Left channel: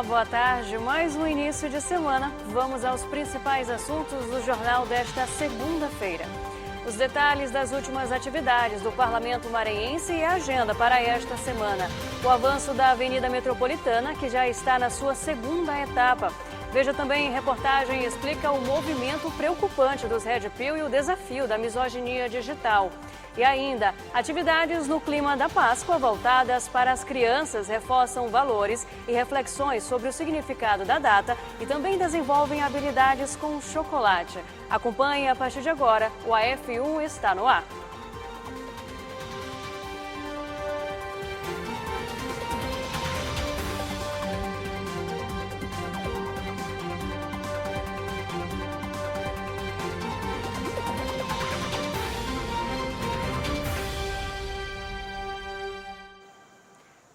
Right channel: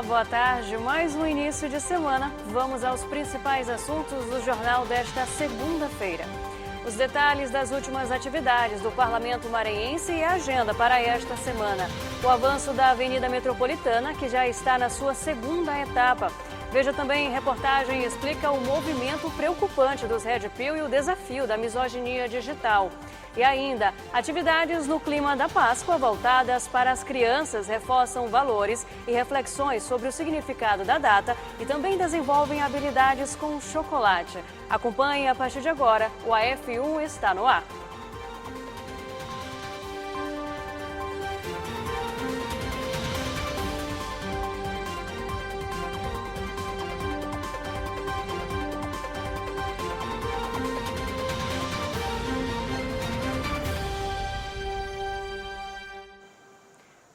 Olá, boa tarde. Mais um início de semana. Vamos aos principais assuntos do jornal desta segunda-feira. Os detalhes das últimas atividades do Parlamento Maranhense e a agenda para esta semana. O avanço da Avenida Metropolitana, que já está na sua segunda etapa. Veja também, reportagem explica o movimento preocupante dos Red Pill e o desafio da misoginia digital. E ainda, atividades no clima da Páscoa voltadas para as crianças reforçam valores e reflexões sobre o significado da data e também desenvolvem habilidades com chocolate. Acompanhe a partir de agora, o AF1 está no ar.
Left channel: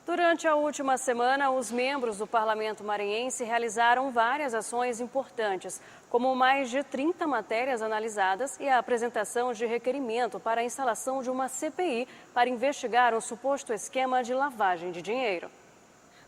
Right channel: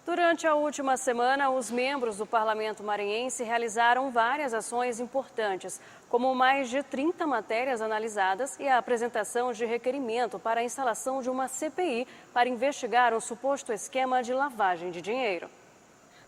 Durante a última semana, os membros do Parlamento Maranhense realizaram várias ações importantes, como mais de 30 matérias analisadas e a apresentação de requerimento para a instalação de uma CPI para investigar um suposto esquema de lavagem de dinheiro.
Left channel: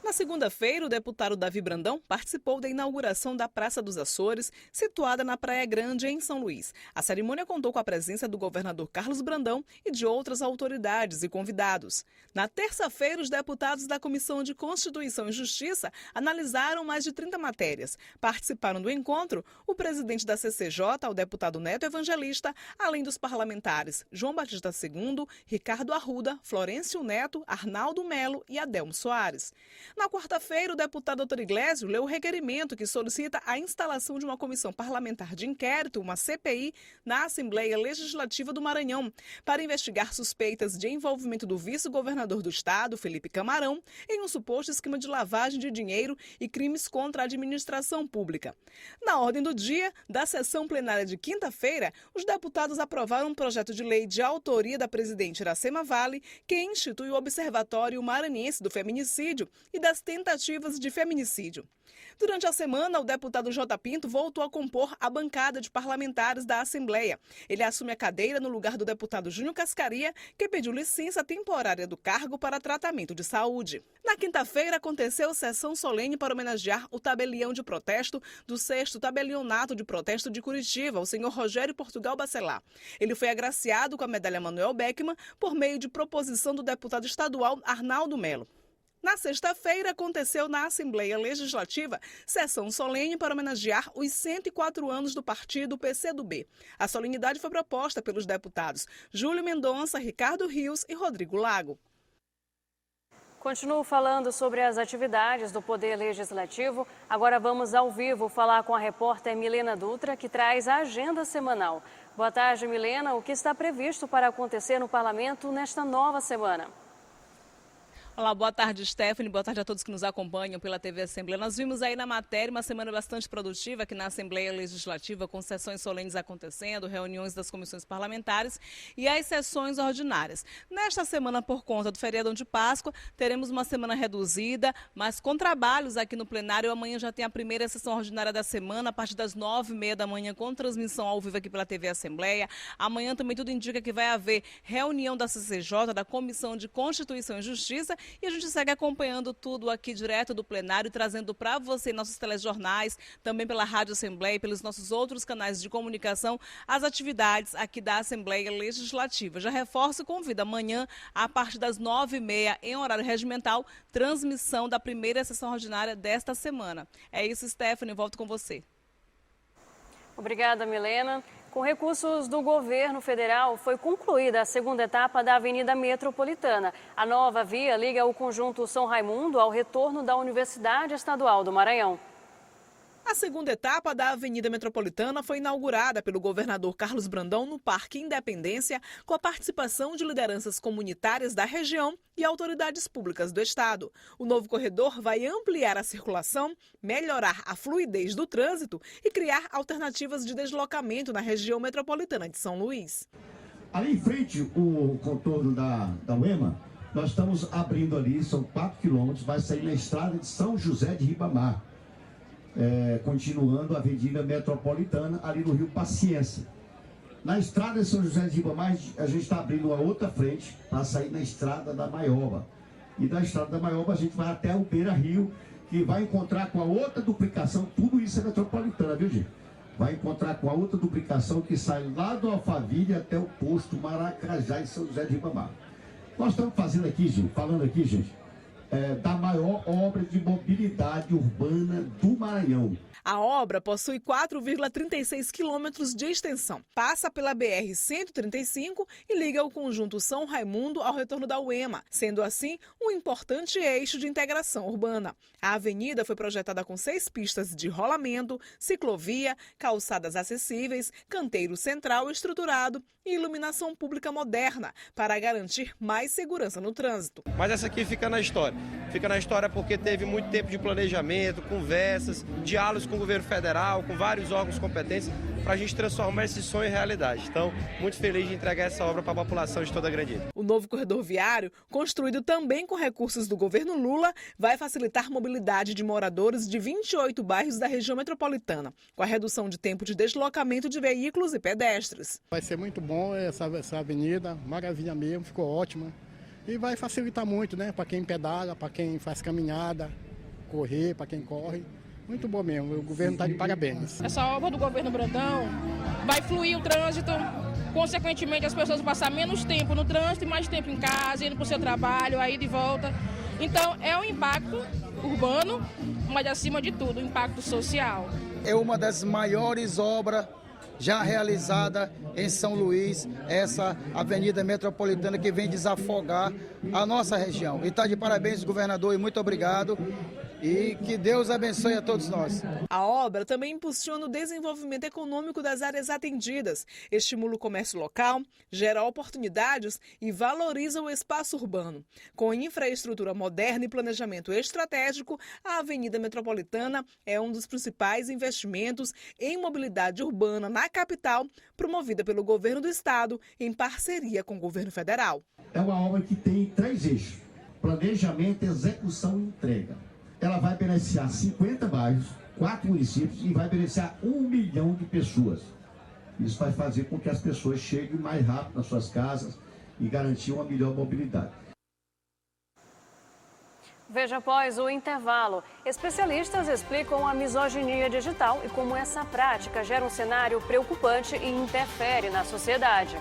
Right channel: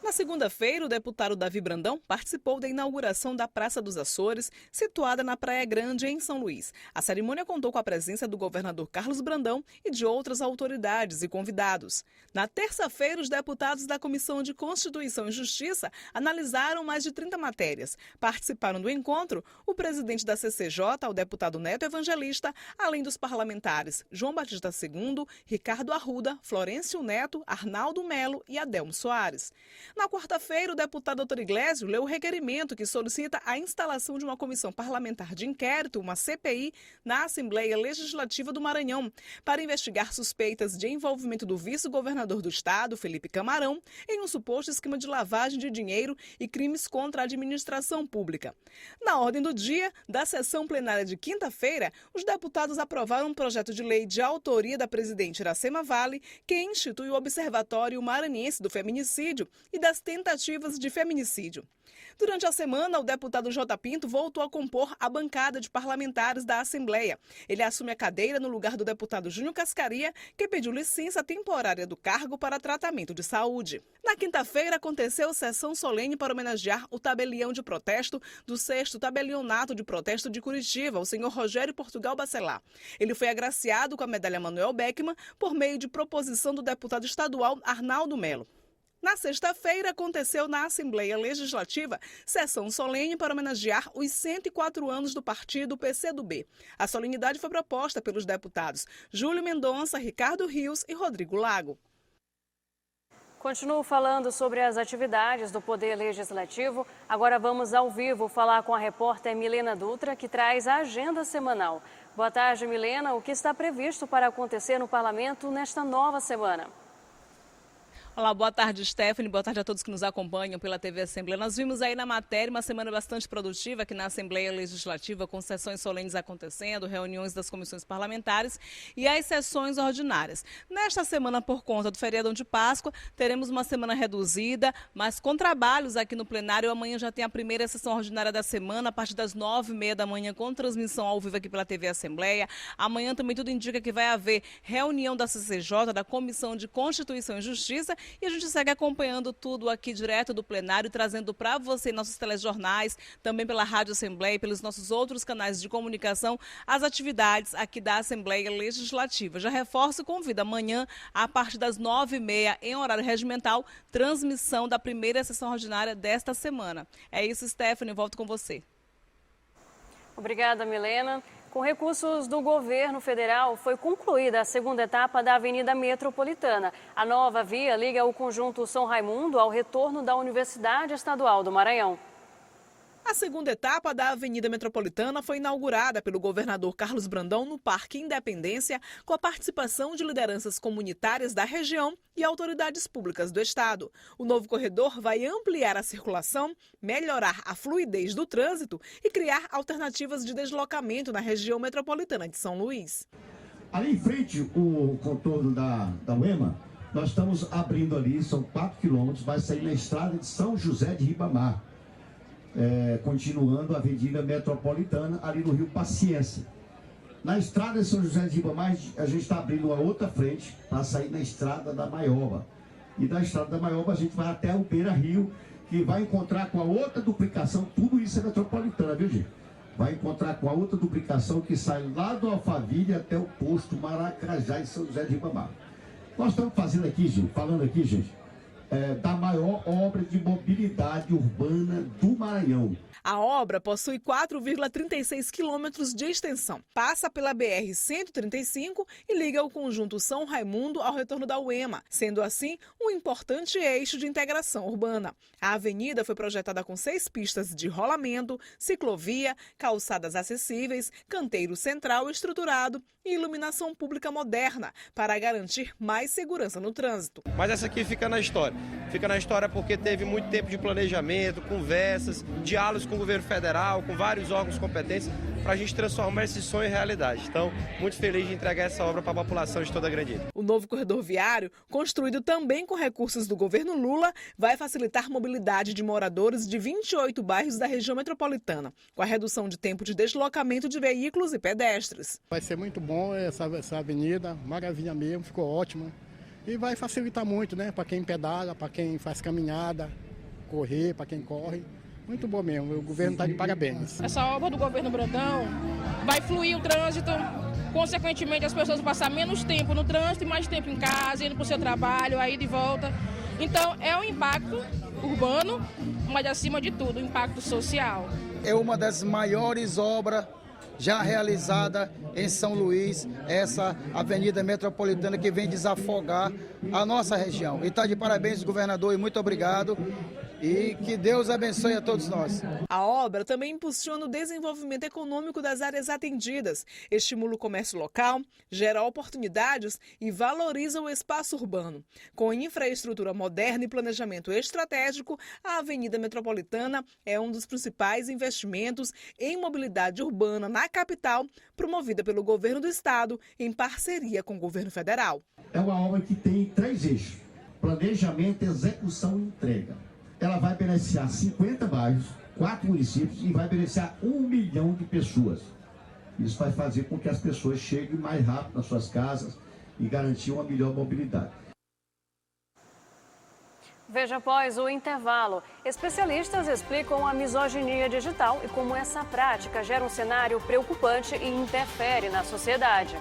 Na segunda-feira, o deputado Davi Brandão participou da inauguração da Praça dos Açores, situada na Praia Grande, em São Luís. A cerimônia contou com a presença do governador Carlos Brandão e de outras autoridades e convidados. Na terça-feira, os deputados da Comissão de Constituição e Justiça analisaram mais de 30 matérias. Participaram do encontro o presidente da CCJ, o deputado Neto Evangelista, além dos parlamentares João Batista II, Ricardo Arruda, Florencio Neto, Arnaldo Melo e Adelmo Soares. Na quarta-feira, o deputado Dr. Iglesio leu o requerimento que solicita a instalação de uma comissão parlamentar de inquérito, uma CPI, na Assembleia Legislativa do Maranhão, para investigar suspeitas de envolvimento do vice-governador do estado, Felipe Camarão, em um suposto esquema de lavagem de dinheiro e crimes contra a administração pública. Na ordem do dia da sessão plenária de quinta-feira, os deputados aprovaram um projeto de lei de autoria da presidente Iracema Vale, que institui o Observatório Maranhense do Feminicídio e das tentativas de feminicídio. Durante a semana, o deputado J. Pinto voltou a compor a bancada de parlamentares da Assembleia. Ele assume a cadeira no lugar do deputado Júnior Cascaria, que pediu licença temporária do cargo para tratamento de saúde. Na quinta-feira, aconteceu sessão solene para homenagear o tabelião de protesto do 6º Tabelionato de Protesto de Curitiba, o senhor Rogério Portugal Bacelar. Ele foi agraciado com a medalha Manuel Beckmann por meio de proposição do deputado estadual Arnaldo Melo. Na sexta-feira, aconteceu na Assembleia Legislativa sessão solene para homenagear os 104 anos do partido PCdoB. A solenidade foi proposta pelos deputados Júlio Mendonça, Ricardo Rios e Rodrigo Lago. Continuo falando sobre as atividades do Poder Legislativo. Agora vamos ao vivo falar com a repórter Milena Dutra, que traz a agenda semanal. Boa tarde, Milena. O que está previsto para acontecer no Parlamento nesta nova semana? Olá, boa tarde, Stephanie. Boa tarde a todos que nos acompanham pela TV Assembleia. Nós vimos aí na matéria uma semana bastante produtiva aqui na Assembleia Legislativa, com sessões solenes acontecendo, reuniões das comissões parlamentares e as sessões ordinárias. Nesta semana, por conta do feriadão de Páscoa, teremos uma semana reduzida, mas com trabalhos aqui no plenário. Amanhã já tem a primeira sessão ordinária da semana, a partir das 9h30 da manhã, com transmissão ao vivo aqui pela TV Assembleia. Amanhã também tudo indica que vai haver reunião da CCJ, da Comissão de Constituição e Justiça. E a gente segue acompanhando tudo aqui direto do plenário, trazendo para você nossos telejornais, também pela Rádio Assembleia e pelos nossos outros canais de comunicação, as atividades aqui da Assembleia Legislativa. Já reforço e convido amanhã, a partir das 9h30, em horário regimental, transmissão da primeira sessão ordinária desta semana. É isso, Stephanie, volto com você. Obrigada, Milena. Com recursos do governo federal, foi concluída a segunda etapa da Avenida Metropolitana. A nova via liga o conjunto São Raimundo ao retorno da Universidade Estadual do Maranhão. A segunda etapa da Avenida Metropolitana foi inaugurada pelo governador Carlos Brandão no Parque Independência, com a participação de lideranças comunitárias da região e autoridades públicas do estado. O novo corredor vai ampliar a circulação, melhorar a fluidez do trânsito e criar alternativas de deslocamento na região metropolitana de São Luís. Ali em frente, o contorno da UEMA, nós estamos abrindo ali, são 4 quilômetros, vai sair na estrada de São José de Ribamar. Continuando a Avenida Metropolitana, ali no Rio Paciência. Na estrada de São José de Ribamar, a gente está abrindo uma outra frente para sair na estrada da Maioba. E da estrada da Maioba a gente vai até o Beira Rio, que vai encontrar com a outra duplicação, tudo isso é metropolitana, viu, gente? Vai encontrar com a outra duplicação que sai lá do Alphaville até o posto Maracajá de São José de Ribamar. Nós estamos fazendo aqui, gente, da maior obra de mobilidade urbana do Maranhão. A obra possui 4,36 quilômetros de extensão, passa pela BR-135 e liga o conjunto São Raimundo ao retorno da UEMA, sendo assim um importante eixo de integração urbana. A avenida foi projetada com 6 pistas de rolamento, ciclovia, calçadas acessíveis, canteiro central estruturado e iluminação pública moderna para garantir mais segurança no trânsito. Mas essa aqui fica na história. Fica na história porque teve muito tempo de planejamento, conversas, diálogos com o governo federal, com vários órgãos competentes, para a gente transformar esse sonho em realidade. Então, muito feliz de entregar essa obra para a população de toda a Grandita. O novo corredor viário, construído também com recursos do governo Lula, vai facilitar a mobilidade de moradores de 28 bairros da região metropolitana, com a redução de tempo de deslocamento de veículos e pedestres. Vai ser muito bom essa avenida, maravilha mesmo, ficou ótimo. E vai facilitar muito, né, para quem pedala, para quem faz caminhada, correr, para quem corre. Muito bom mesmo, o governo está de parabéns. Essa obra do governo Brandão vai fluir o trânsito, consequentemente as pessoas vão passar menos tempo no trânsito e mais tempo em casa, indo para o seu trabalho, aí de volta. Então é um impacto urbano, mas acima de tudo, um impacto social. É uma das maiores obras já realizada em São Luís, essa avenida metropolitana que vem desafogar a nossa região. E está de parabéns, governador, e muito obrigado. E que Deus abençoe a todos nós. A obra também impulsiona o desenvolvimento econômico das áreas atendidas, estimula o comércio local, gera oportunidades e valoriza o espaço urbano. Com infraestrutura moderna e planejamento estratégico, a Avenida Metropolitana é um dos principais investimentos em mobilidade urbana na capital, promovida pelo governo do estado em parceria com o governo federal. É uma obra que tem 3 eixos: planejamento, execução e entrega. Ela vai beneficiar 50 bairros, 4 municípios e vai beneficiar 1 milhão de pessoas. Isso vai fazer com que as pessoas cheguem mais rápido nas suas casas e garantir uma melhor mobilidade. Veja após o intervalo. Especialistas explicam a misoginia digital e como essa prática gera um cenário preocupante e interfere na sociedade.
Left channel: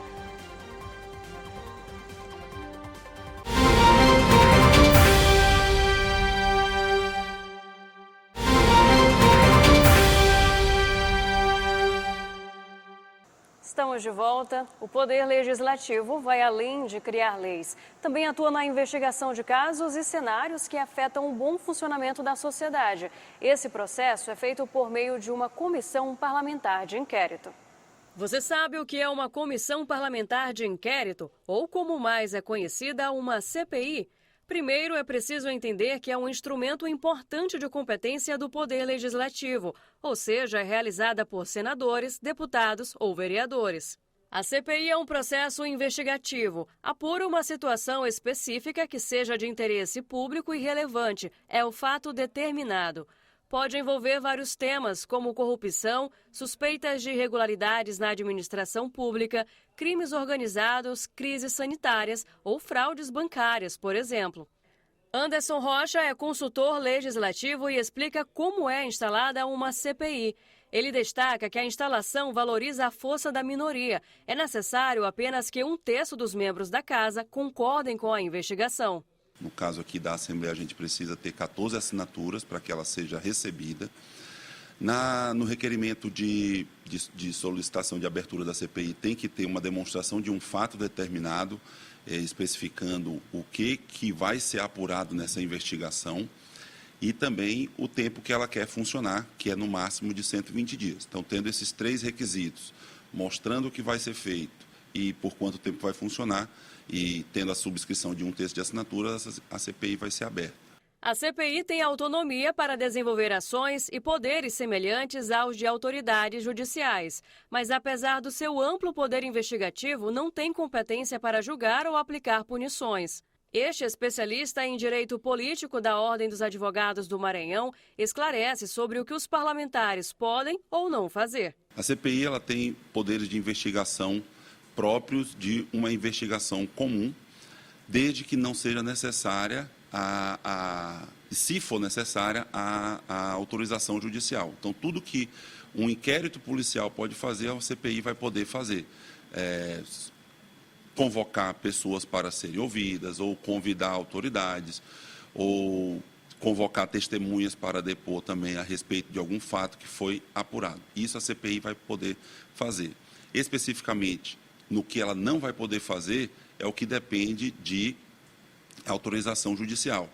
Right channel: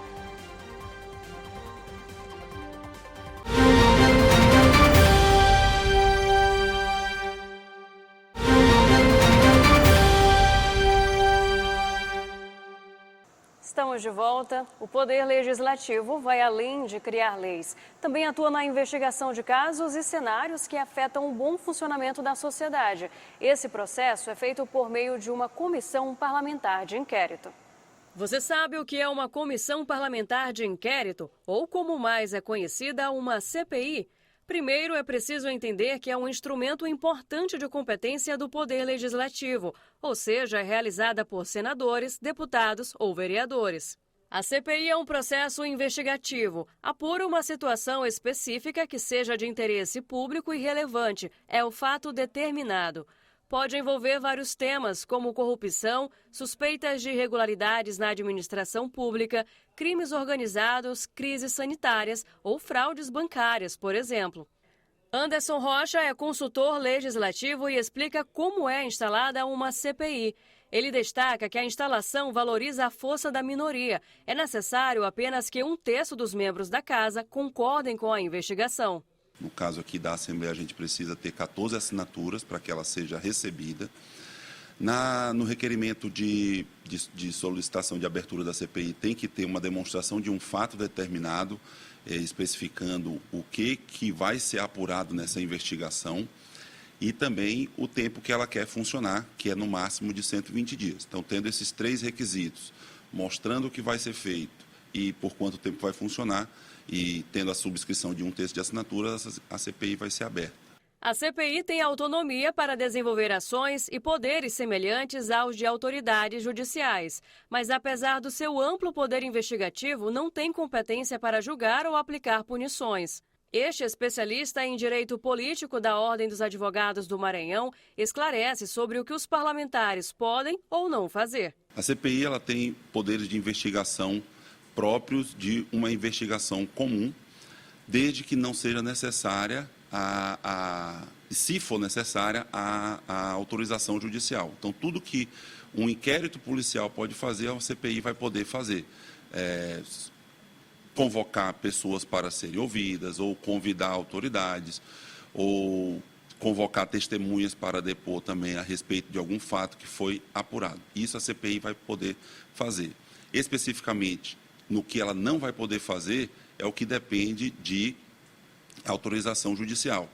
Estamos de volta. O Poder Legislativo vai além de criar leis. Também atua na investigação de casos e cenários que afetam o bom funcionamento da sociedade. Esse processo é feito por meio de uma comissão parlamentar de inquérito. Você sabe o que é uma comissão parlamentar de inquérito? Ou, como mais é conhecida, uma CPI? Primeiro, é preciso entender que é um instrumento importante de competência do Poder Legislativo, ou seja, é realizada por senadores, deputados ou vereadores. A CPI é um processo investigativo, apura uma situação específica que seja de interesse público e relevante, é o fato determinado. Pode envolver vários temas, como corrupção, suspeitas de irregularidades na administração pública, crimes organizados, crises sanitárias ou fraudes bancárias, por exemplo. Anderson Rocha é consultor legislativo e explica como é instalada uma CPI. Ele destaca que a instalação valoriza a força da minoria. É necessário apenas que 1/3 dos membros da casa concordem com a investigação. No caso aqui da Assembleia, a gente precisa ter 14 assinaturas para que ela seja recebida. No requerimento de solicitação de abertura da CPI, tem que ter uma demonstração de um fato determinado, especificando o que vai ser apurado nessa investigação e também o tempo que ela quer funcionar, que é no máximo de 120 dias. Então, tendo esses 3 requisitos, mostrando o que vai ser feito e por quanto tempo vai funcionar, e tendo a subscrição de 1/3 de assinaturas, a CPI vai ser aberta. A CPI tem autonomia para desenvolver ações e poderes semelhantes aos de autoridades judiciais, mas apesar do seu amplo poder investigativo, não tem competência para julgar ou aplicar punições. Este especialista em direito político da Ordem dos Advogados do Maranhão esclarece sobre o que os parlamentares podem ou não fazer. A CPI ela tem poderes de investigação próprios de uma investigação comum, desde que não seja necessária se for necessária, a autorização judicial. Então, tudo que um inquérito policial pode fazer, a CPI vai poder fazer. Convocar pessoas para serem ouvidas, ou convidar autoridades, ou convocar testemunhas para depor também a respeito de algum fato que foi apurado. Isso a CPI vai poder fazer. Especificamente, no que ela não vai poder fazer, é o que depende de autorização judicial.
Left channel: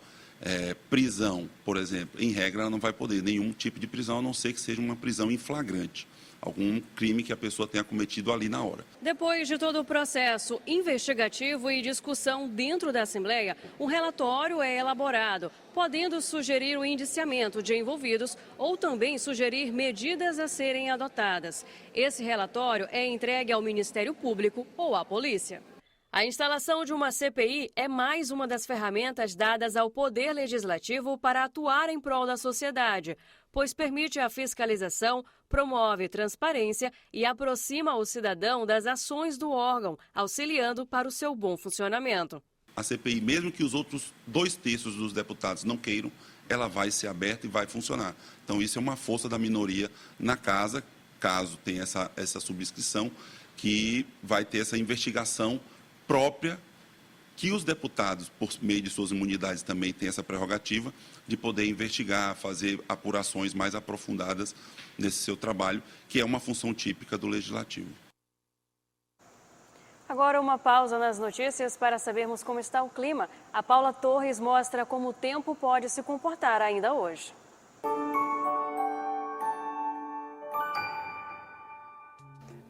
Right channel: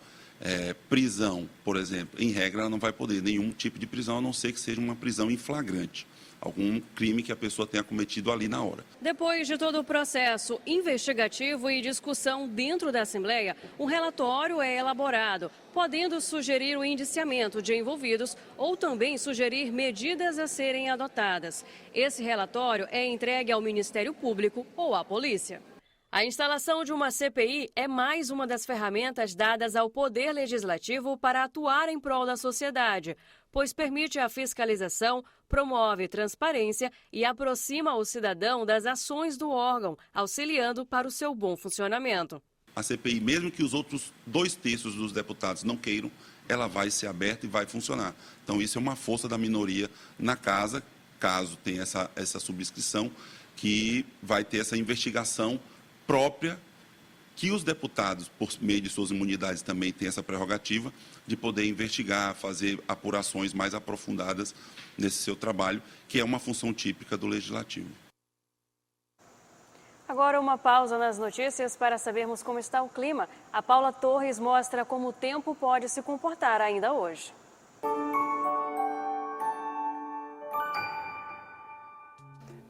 Prisão, por exemplo, em regra, ela não vai poder nenhum tipo de prisão, a não ser que seja uma prisão em flagrante. Algum crime que a pessoa tenha cometido ali na hora. Depois de todo o processo investigativo e discussão dentro da Assembleia, um relatório é elaborado, podendo sugerir o indiciamento de envolvidos ou também sugerir medidas a serem adotadas. Esse relatório é entregue ao Ministério Público ou à polícia. A instalação de uma CPI é mais uma das ferramentas dadas ao Poder Legislativo para atuar em prol da sociedade, pois permite a fiscalização, promove transparência e aproxima o cidadão das ações do órgão, auxiliando para o seu bom funcionamento. A CPI, mesmo que os outros 2/3 dos deputados não queiram, ela vai ser aberta e vai funcionar. Então, isso é uma força da minoria na casa, caso tenha essa subscrição, que vai ter essa investigação própria, que os deputados, por meio de suas imunidades, também têm essa prerrogativa de poder investigar, fazer apurações mais aprofundadas nesse seu trabalho, que é uma função típica do Legislativo. Agora uma pausa nas notícias para sabermos como está o clima. A Paula Torres mostra como o tempo pode se comportar ainda hoje.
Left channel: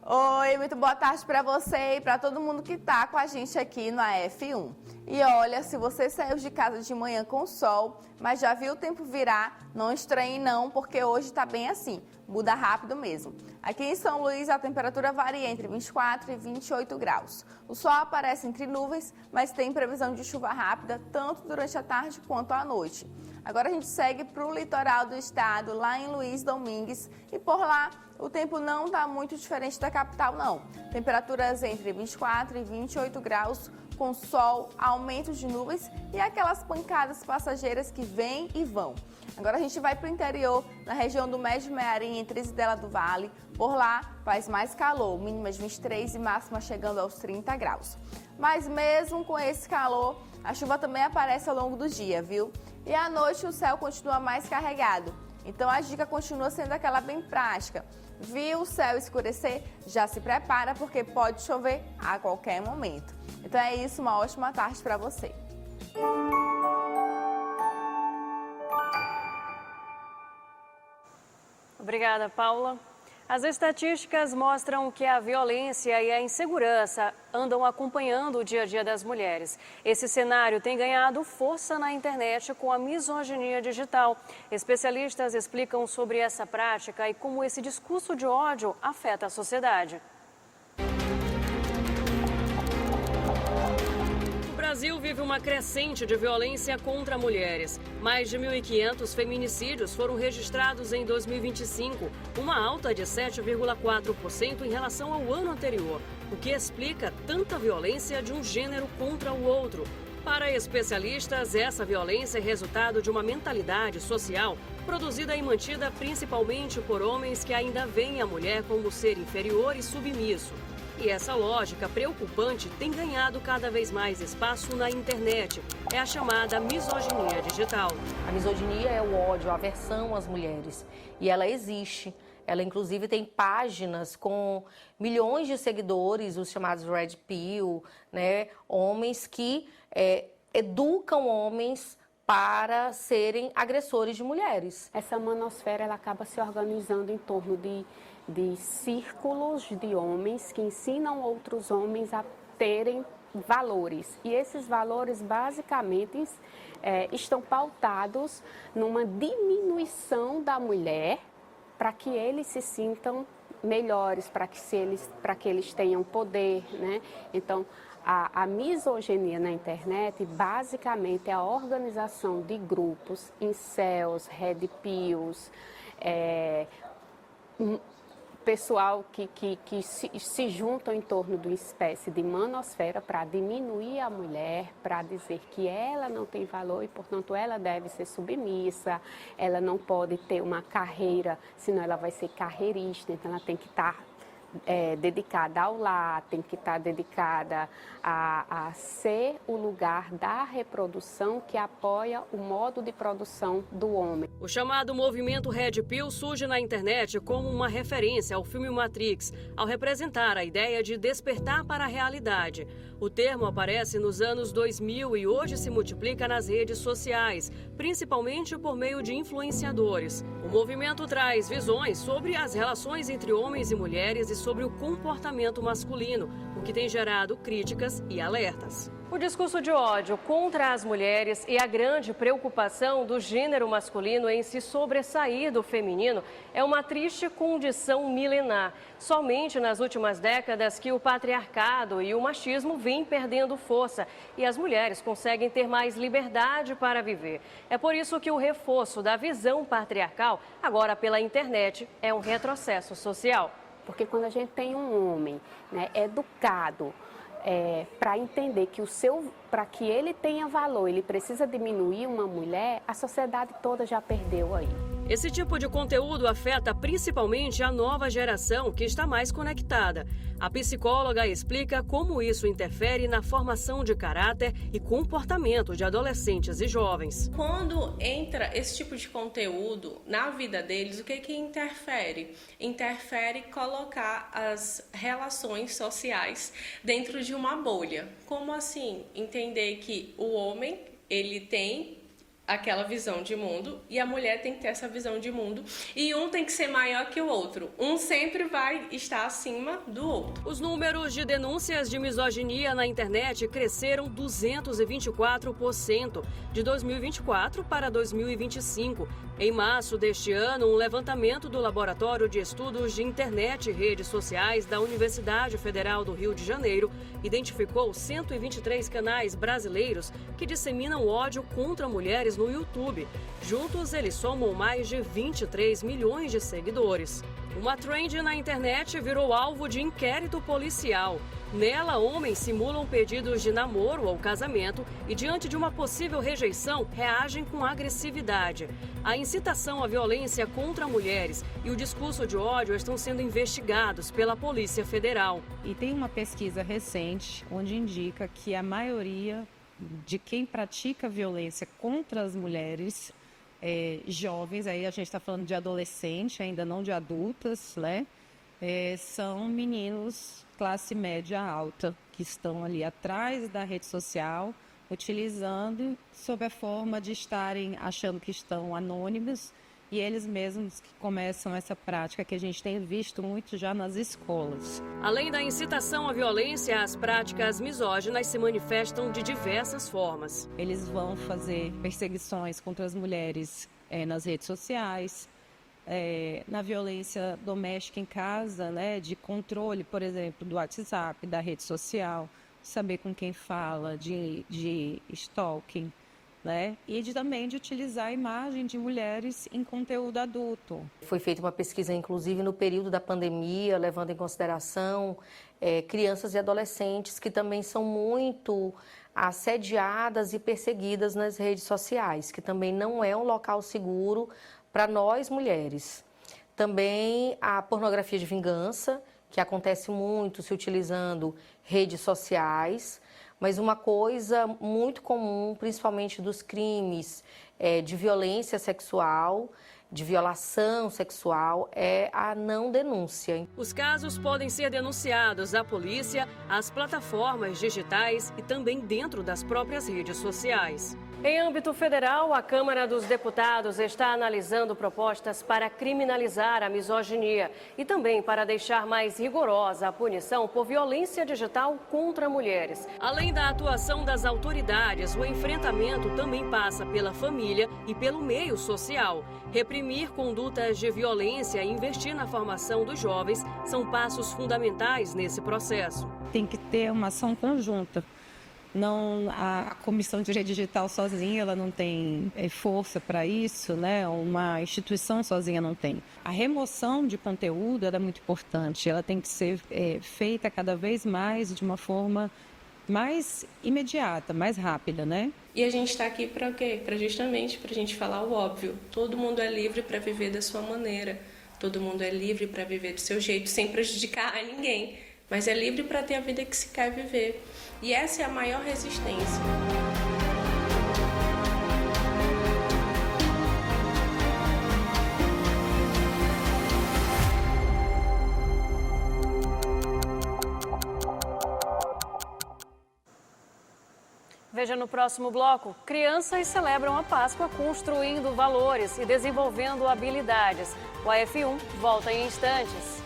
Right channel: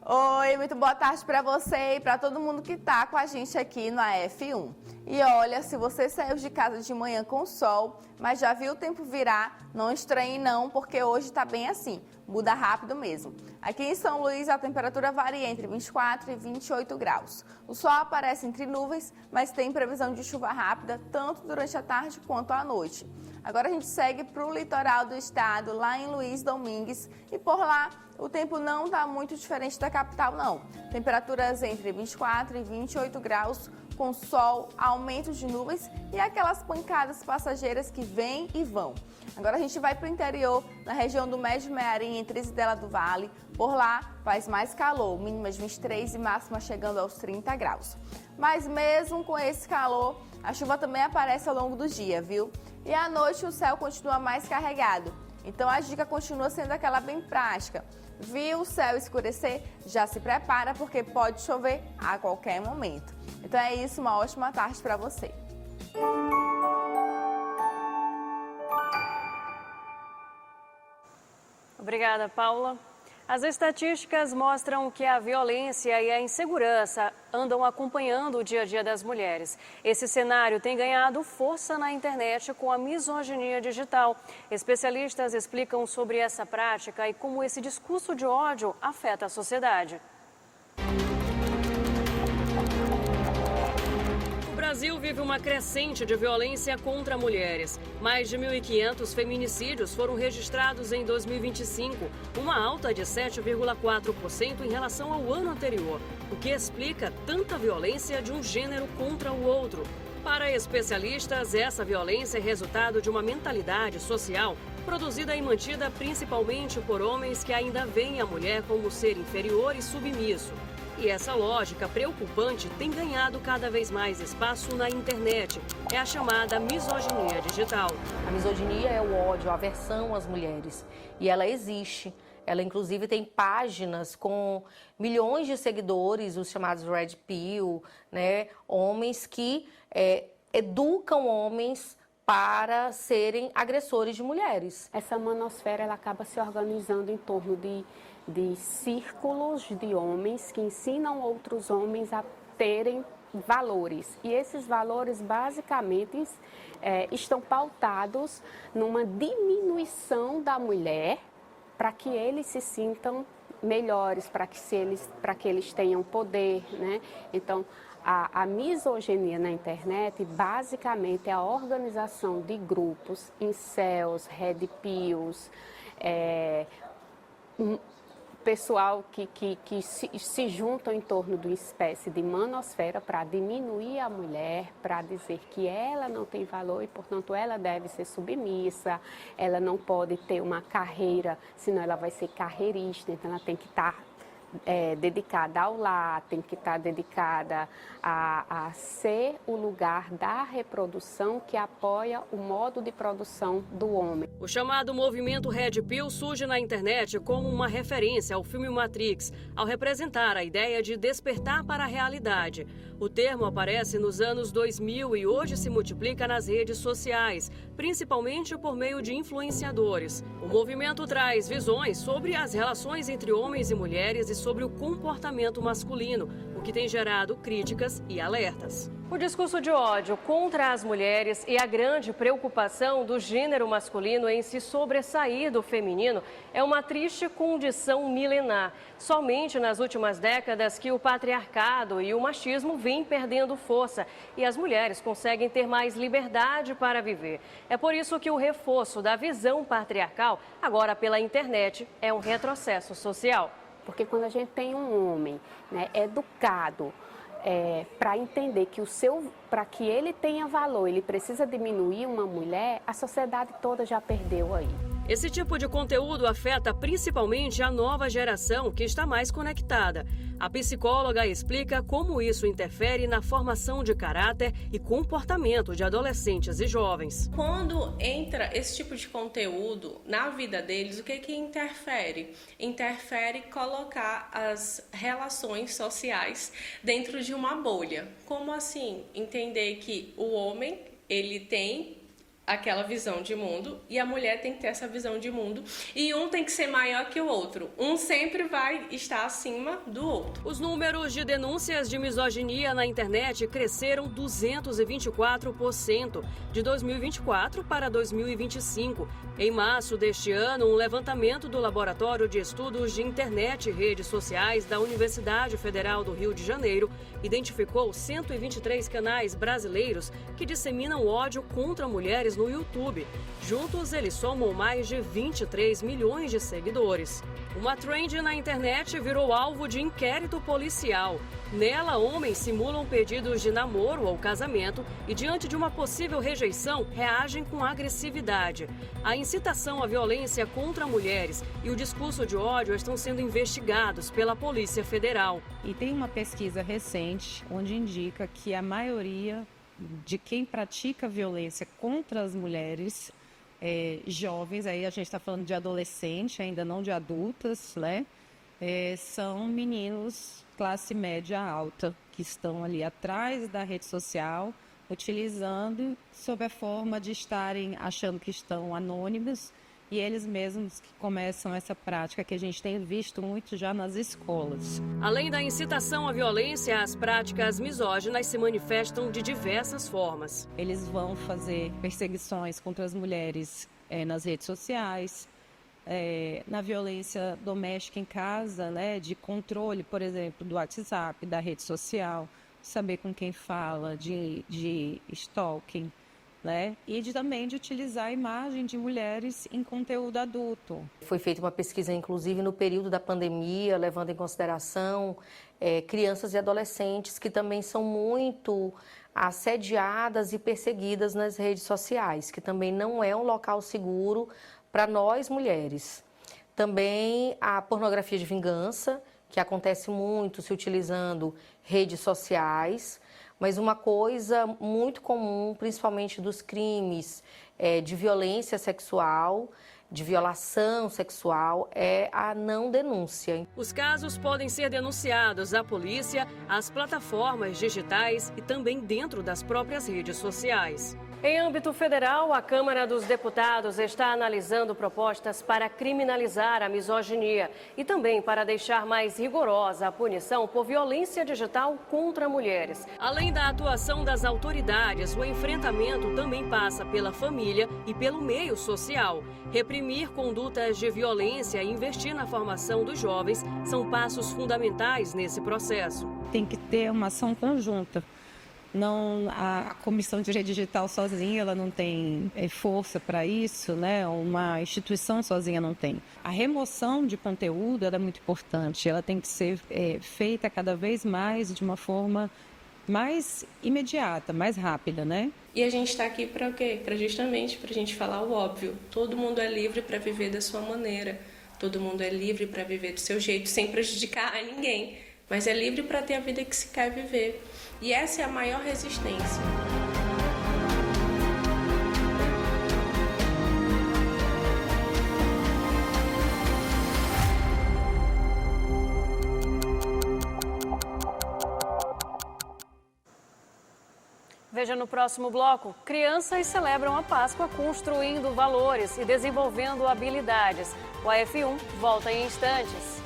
Oi, muito boa tarde para você e para todo mundo que está com a gente aqui no F1. E olha, se você saiu de casa de manhã com sol, mas já viu o tempo virar, não estranhe não, porque hoje está bem assim, muda rápido mesmo. Aqui em São Luís a temperatura varia entre 24 e 28 graus. O sol aparece entre nuvens, mas tem previsão de chuva rápida tanto durante a tarde quanto à noite. Agora a gente segue para o litoral do estado, lá em Luiz Domingues, e por lá o tempo não está muito diferente da capital, não. Temperaturas entre 24 e 28 graus, com sol, aumento de nuvens e aquelas pancadas passageiras que vêm e vão. Agora a gente vai para o interior, na região do Médio Mearim, em Trizidela do Vale. Por lá faz mais calor, mínimas 23 e máxima chegando aos 30 graus. Mas mesmo com esse calor, a chuva também aparece ao longo do dia, viu? E à noite o céu continua mais carregado. Então a dica continua sendo aquela bem prática. Viu o céu escurecer? Já se prepara porque pode chover a qualquer momento. Então é isso, uma ótima tarde para você. Obrigada, Paula. As estatísticas mostram que a violência e a insegurança andam acompanhando o dia a dia das mulheres. Esse cenário tem ganhado força na internet com a misoginia digital. Especialistas explicam sobre essa prática e como esse discurso de ódio afeta a sociedade. O Brasil vive uma crescente de violência contra mulheres. Mais de 1.500 feminicídios foram registrados em 2025, uma alta de 7,4% em relação ao ano anterior, o que explica tanta violência de um gênero contra o outro. Para especialistas, essa violência é resultado de uma mentalidade social produzida e mantida principalmente por homens que ainda veem a mulher como ser inferior e submisso. E essa lógica preocupante tem ganhado cada vez mais espaço na internet. É a chamada misoginia digital. A misoginia é o ódio, a aversão às mulheres. E ela existe. Ela, inclusive, tem páginas com milhões de seguidores, os chamados Red Pill, né? Homens que educam homens para serem agressores de mulheres. Essa manosfera ela acaba se organizando em torno de círculos de homens que ensinam outros homens a terem valores. E esses valores, basicamente, estão pautados numa diminuição da mulher para que eles se sintam melhores, para que eles tenham poder, né? Então, a misoginia na internet, basicamente, é a organização de grupos, incels, red pills, pessoal que se juntam em torno de uma espécie de manosfera para diminuir a mulher, para dizer que ela não tem valor e, portanto, ela deve ser submissa, ela não pode ter uma carreira, senão ela vai ser carreirista, então ela tem que estar dedicada ao lar, tem que estar dedicada a ser o lugar da reprodução que apoia o modo de produção do homem. O chamado movimento Red Pill surge na internet como uma referência ao filme Matrix, ao representar a ideia de despertar para a realidade. O termo aparece nos anos 2000 e hoje se multiplica nas redes sociais, principalmente por meio de influenciadores. O movimento traz visões sobre as relações entre homens e mulheres e sobre o comportamento masculino, o que tem gerado críticas e alertas. O discurso de ódio contra as mulheres e a grande preocupação do gênero masculino em se sobressair do feminino é uma triste condição milenar. Somente nas últimas décadas que o patriarcado e o machismo vêm perdendo força e as mulheres conseguem ter mais liberdade para viver. É por isso que o reforço da visão patriarcal, agora pela internet, é um retrocesso social. Porque quando a gente tem um homem, né, educado, para entender que para que ele tenha valor, ele precisa diminuir uma mulher, a sociedade toda já perdeu aí. Esse tipo de conteúdo afeta principalmente a nova geração que está mais conectada. A psicóloga explica como isso interfere na formação de caráter e comportamento de adolescentes e jovens. Quando entra esse tipo de conteúdo na vida deles, o que interfere? Interfere colocar as relações sociais dentro de uma bolha. Como assim? Entender que o homem, ele tem aquela visão de mundo e a mulher tem que ter essa visão de mundo e um tem que ser maior que o outro. Um sempre vai estar acima do outro. Os números de denúncias de misoginia na internet cresceram 224% de 2024 para 2025. Em março deste ano, um levantamento do Laboratório de Estudos de Internet e Redes Sociais da Universidade Federal do Rio de Janeiro identificou 123 canais brasileiros que disseminam ódio contra mulheres no YouTube. Juntos, eles somam mais de 23 milhões de seguidores. Uma trend na internet virou alvo de inquérito policial. Nela, homens simulam pedidos de namoro ou casamento e, diante de uma possível rejeição, reagem com agressividade. A incitação à violência contra mulheres e o discurso de ódio estão sendo investigados pela Polícia Federal. E tem uma pesquisa recente onde indica que a maioria de quem pratica violência contra as mulheres jovens, aí a gente está falando de adolescente, ainda não de adultas, né? São meninos classe média alta, que estão ali atrás da rede social, utilizando sob a forma de estarem achando que estão anônimos e eles mesmos que começam essa prática que a gente tem visto muito já nas escolas. Além da incitação à violência, as práticas misóginas se manifestam de diversas formas. Eles vão fazer perseguições contra as mulheres nas redes sociais, na violência doméstica em casa, né, de controle, por exemplo, do WhatsApp, da rede social, saber com quem fala, de stalking, né, e também de utilizar a imagem de mulheres em conteúdo adulto. Foi feita uma pesquisa, inclusive, no período da pandemia, levando em consideração crianças e adolescentes que também são muito assediadas e perseguidas nas redes sociais, que também não é um local seguro para nós mulheres. Também a pornografia de vingança, que acontece muito se utilizando redes sociais, mas uma coisa muito comum, principalmente dos crimes de violência sexual, de violação sexual, é a não denúncia. Os casos podem ser denunciados à polícia, às plataformas digitais e também dentro das próprias redes sociais. Em âmbito federal, a Câmara dos Deputados está analisando propostas para criminalizar a misoginia e também para deixar mais rigorosa a punição por violência digital contra mulheres. Além da atuação das autoridades, o enfrentamento também passa pela família e pelo meio social. Reprimir condutas de violência e investir na formação dos jovens são passos fundamentais nesse processo. Tem que ter uma ação conjunta. A Comissão de Direito Digital sozinha ela não tem força para isso, né? Uma instituição sozinha não tem. A remoção de conteúdo era muito importante, ela tem que ser feita cada vez mais de uma forma mais imediata, mais rápida, né? E a gente está aqui para quê? Justamente para a gente falar o óbvio. Todo mundo é livre para viver da sua maneira. Todo mundo é livre para viver do seu jeito, sem prejudicar a ninguém. Mas é livre para ter a vida que se quer viver. E essa é a maior resistência. Veja no próximo bloco, crianças celebram a Páscoa construindo valores e desenvolvendo habilidades. O AF1 volta em instantes.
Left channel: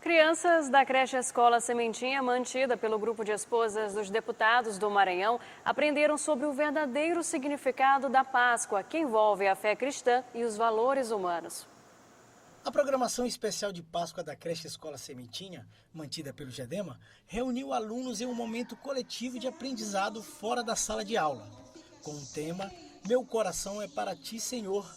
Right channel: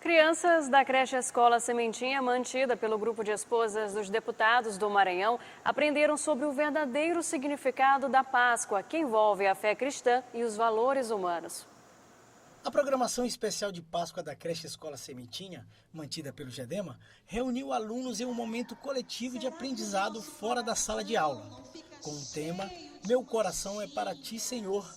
Crianças da creche Escola Sementinha, mantida pelo grupo de esposas dos deputados do Maranhão, aprenderam sobre o verdadeiro significado da Páscoa, que envolve a fé cristã e os valores humanos. A programação especial de Páscoa da creche Escola Sementinha, mantida pelo GEDEMA, reuniu alunos em um momento coletivo de aprendizado fora da sala de aula. Com o tema Meu Coração é para Ti, Senhor,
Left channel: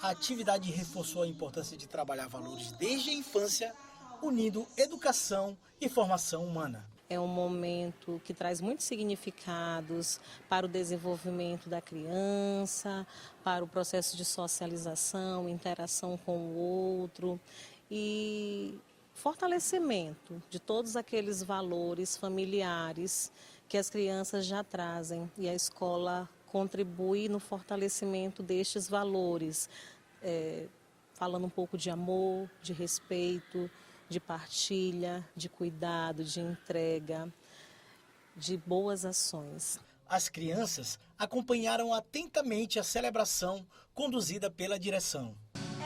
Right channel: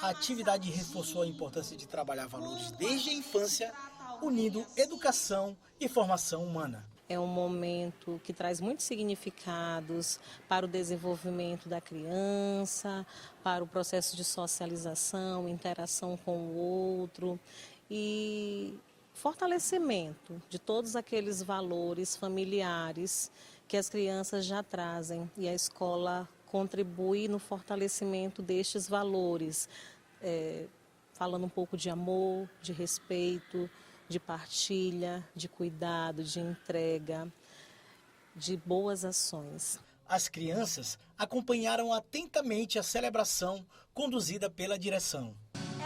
a atividade reforçou a importância de trabalhar valores desde a infância, unindo educação e formação humana. É um momento que traz muitos significados para o desenvolvimento da criança, para o processo de socialização, interação com o outro e fortalecimento de todos aqueles valores familiares que as crianças já trazem. E a escola contribui no fortalecimento destes valores, falando um pouco de amor, de respeito, de partilha, de cuidado, de entrega, de boas ações. As crianças acompanharam atentamente a celebração conduzida pela direção.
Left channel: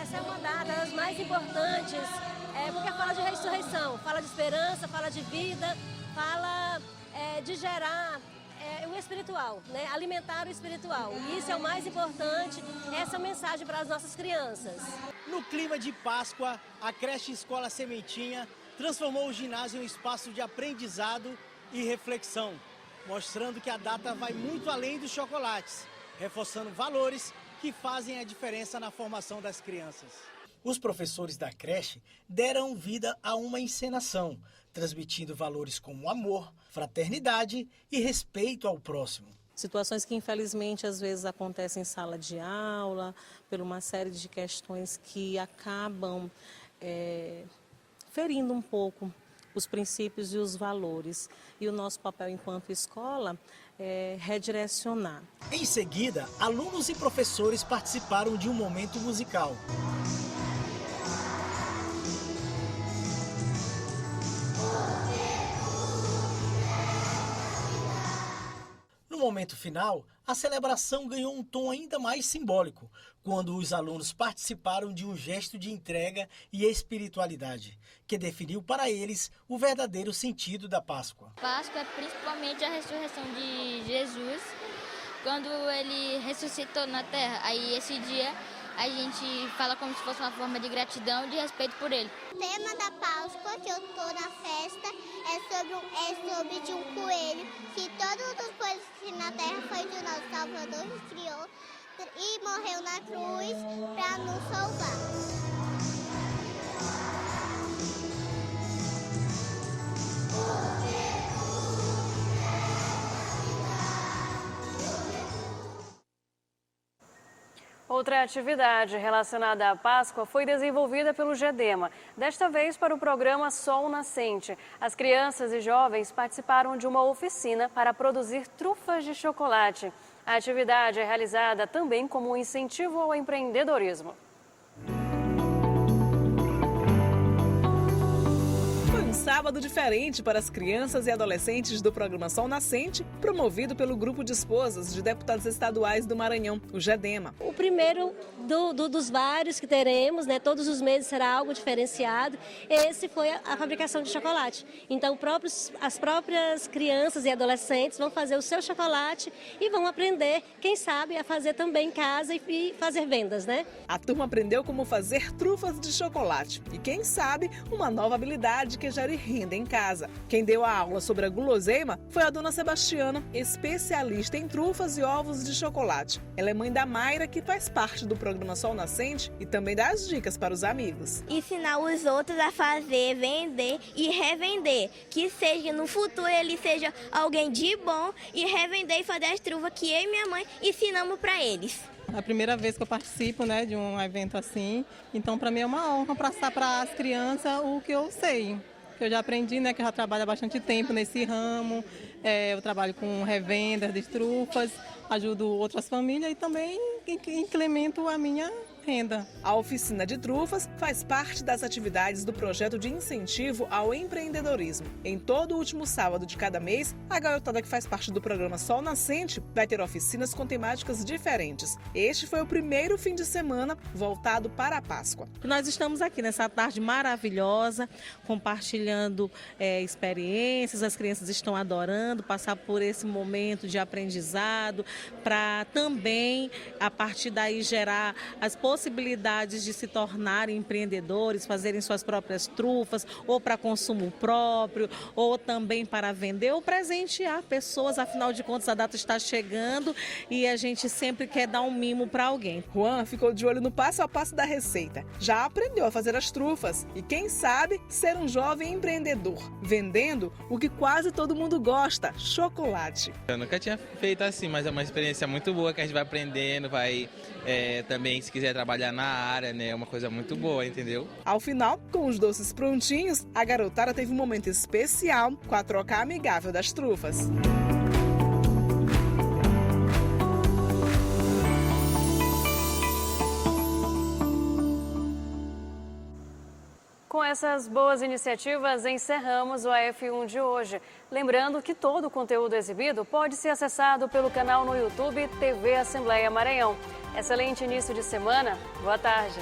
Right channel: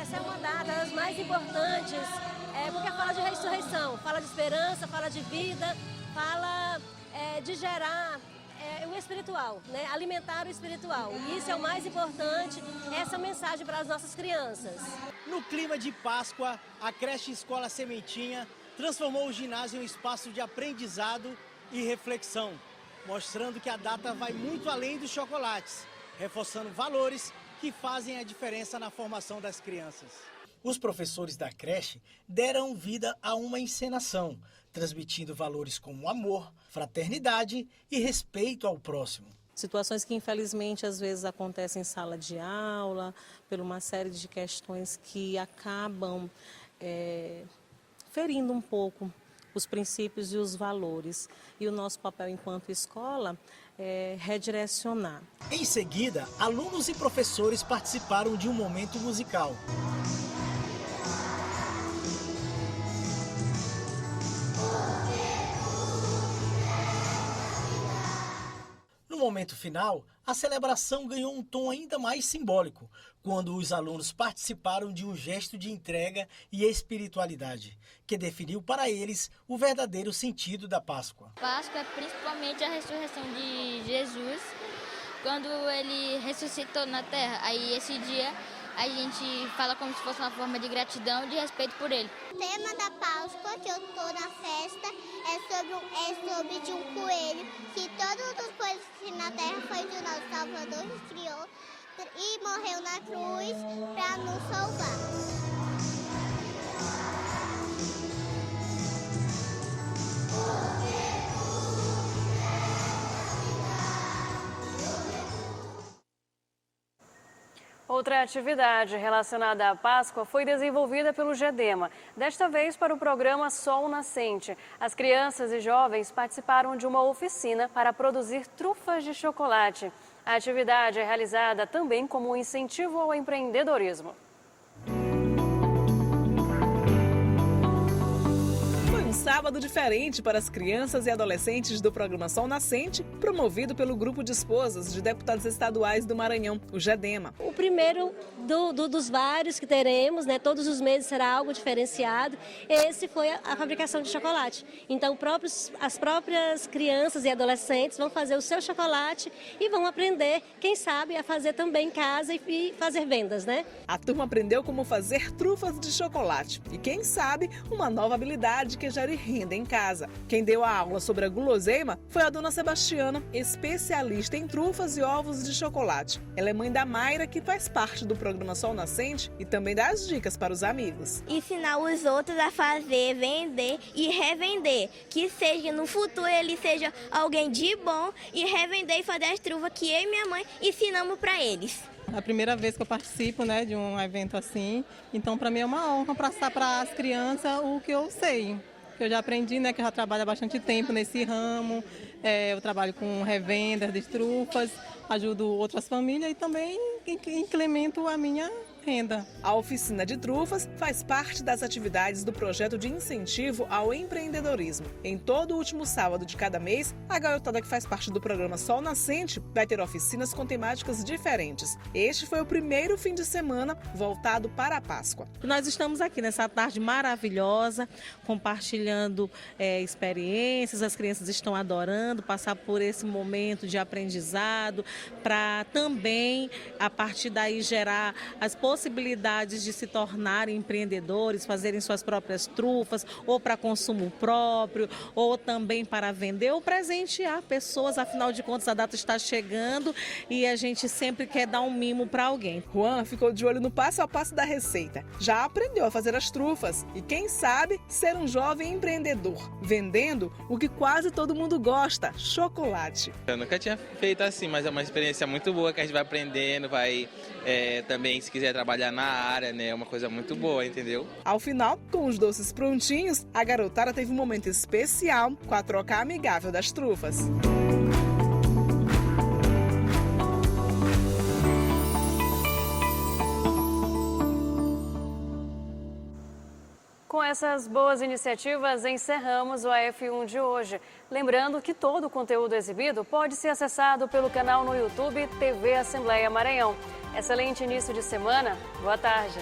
Essa é uma das mais importantes, porque fala de ressurreição, fala de esperança, fala de vida, fala de gerar o espiritual, né? Alimentar o espiritual. E isso é o mais importante, essa mensagem para as nossas crianças. No clima de Páscoa, a creche Escola Sementinha transformou o ginásio em um espaço de aprendizado e reflexão, mostrando que a data vai muito além dos chocolates, reforçando valores que fazem a diferença na formação das crianças. Os professores da creche deram vida a uma encenação, transmitindo valores como amor, fraternidade e respeito ao próximo. Situações que infelizmente às vezes acontecem em sala de aula, por uma série de questões que acabam ferindo um pouco os princípios e os valores. E o nosso papel enquanto escola é redirecionar. Em seguida, alunos e professores participaram de um momento musical. No momento final, a celebração ganhou um tom ainda mais simbólico, quando os alunos participaram de um gesto de entrega e espiritualidade, que definiu para eles o verdadeiro sentido da Páscoa. Páscoa é principalmente a ressurreição de Jesus, quando ele ressuscitou na terra. Aí esse dia a gente fala como se fosse uma forma de gratidão e de respeito por ele. O tema da Páscoa que eu tô na festa é sobre de um coelho, que todas as coisas que na terra foi do nosso Salvador que criou e morreu na cruz para nos salvar. Outra atividade relacionada à Páscoa foi desenvolvida pelo GEDEMA, desta vez para o programa Sol Nascente. As crianças e jovens participaram de uma oficina para produzir trufas de chocolate. A atividade é realizada também como um incentivo ao empreendedorismo. Foi um sábado sábado diferente para as crianças e adolescentes do programa Sol Nascente, promovido pelo Grupo de Esposas de Deputados Estaduais do Maranhão, o GEDEMA. O primeiro dos vários que teremos, né? Todos os meses será algo diferenciado. Esse foi a fabricação de chocolate. Então, as próprias crianças e adolescentes vão fazer o seu chocolate e vão aprender, quem sabe, a fazer também em casa e fazer vendas, né? A turma aprendeu como fazer trufas de chocolate e, quem sabe, uma nova habilidade que gere renda em casa. Quem deu a aula sobre a guloseima foi a dona Sebastiana, especialista em trufas e ovos de chocolate. Ela é mãe da Mayra, que faz parte do programa Sol Nascente e também dá as dicas para os amigos. Ensinar os outros a fazer, vender e revender. Que seja no futuro ele seja alguém de bom e revender e fazer as trufas que eu e minha mãe ensinamos para eles. É a primeira vez que eu participo, né, de um evento assim, então para mim é uma honra passar para as crianças o que eu sei. Eu já aprendi, né, que eu já trabalho há bastante tempo nesse ramo, eu trabalho com revendas de trufas, ajudo outras famílias e também incremento a minha renda. A oficina de trufas faz parte das atividades do projeto de incentivo ao empreendedorismo. Em todo o último sábado de cada mês, a garotada que faz parte do programa Sol Nascente vai ter oficinas com temáticas diferentes. Este foi o primeiro fim de semana voltado para a Páscoa. Nós estamos aqui nessa tarde maravilhosa, compartilhando experiências, as crianças estão adorando passar por esse momento de aprendizado, para também, a partir daí, gerar as possibilidades de se tornarem empreendedores, fazerem suas próprias trufas, ou para consumo próprio, ou também para vender, ou presentear pessoas. Afinal de contas, a data está chegando e a gente sempre quer dar um mimo para alguém. Juan ficou de olho no passo a passo da receita. Já aprendeu a fazer as trufas e, quem sabe, ser um jovem empreendedor, vendendo o que quase todo mundo gosta, chocolate. Eu nunca tinha feito assim, mas é uma experiência muito boa que a gente vai aprendendo, vai também, se quiser trabalhar na área, né, é uma coisa muito boa, entendeu? Ao final, com os doces prontinhos, a garotada teve um momento especial com a troca amigável das trufas. Com essas boas iniciativas, encerramos o AF1 de hoje. Lembrando que todo o conteúdo exibido pode ser acessado pelo canal no YouTube TV Assembleia Maranhão. Excelente início de semana. Boa tarde.